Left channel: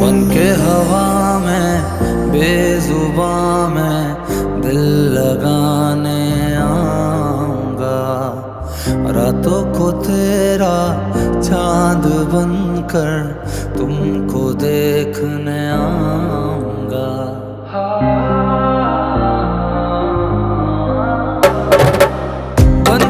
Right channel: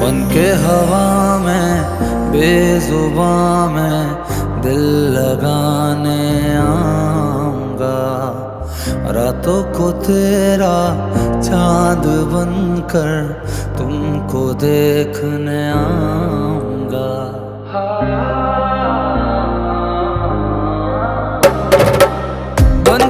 बन के हवा में बेजुबां में दिल लगाने आऊंगा। रातों को तेरा चांद बनकर तुमको देखने आऊंगा। बन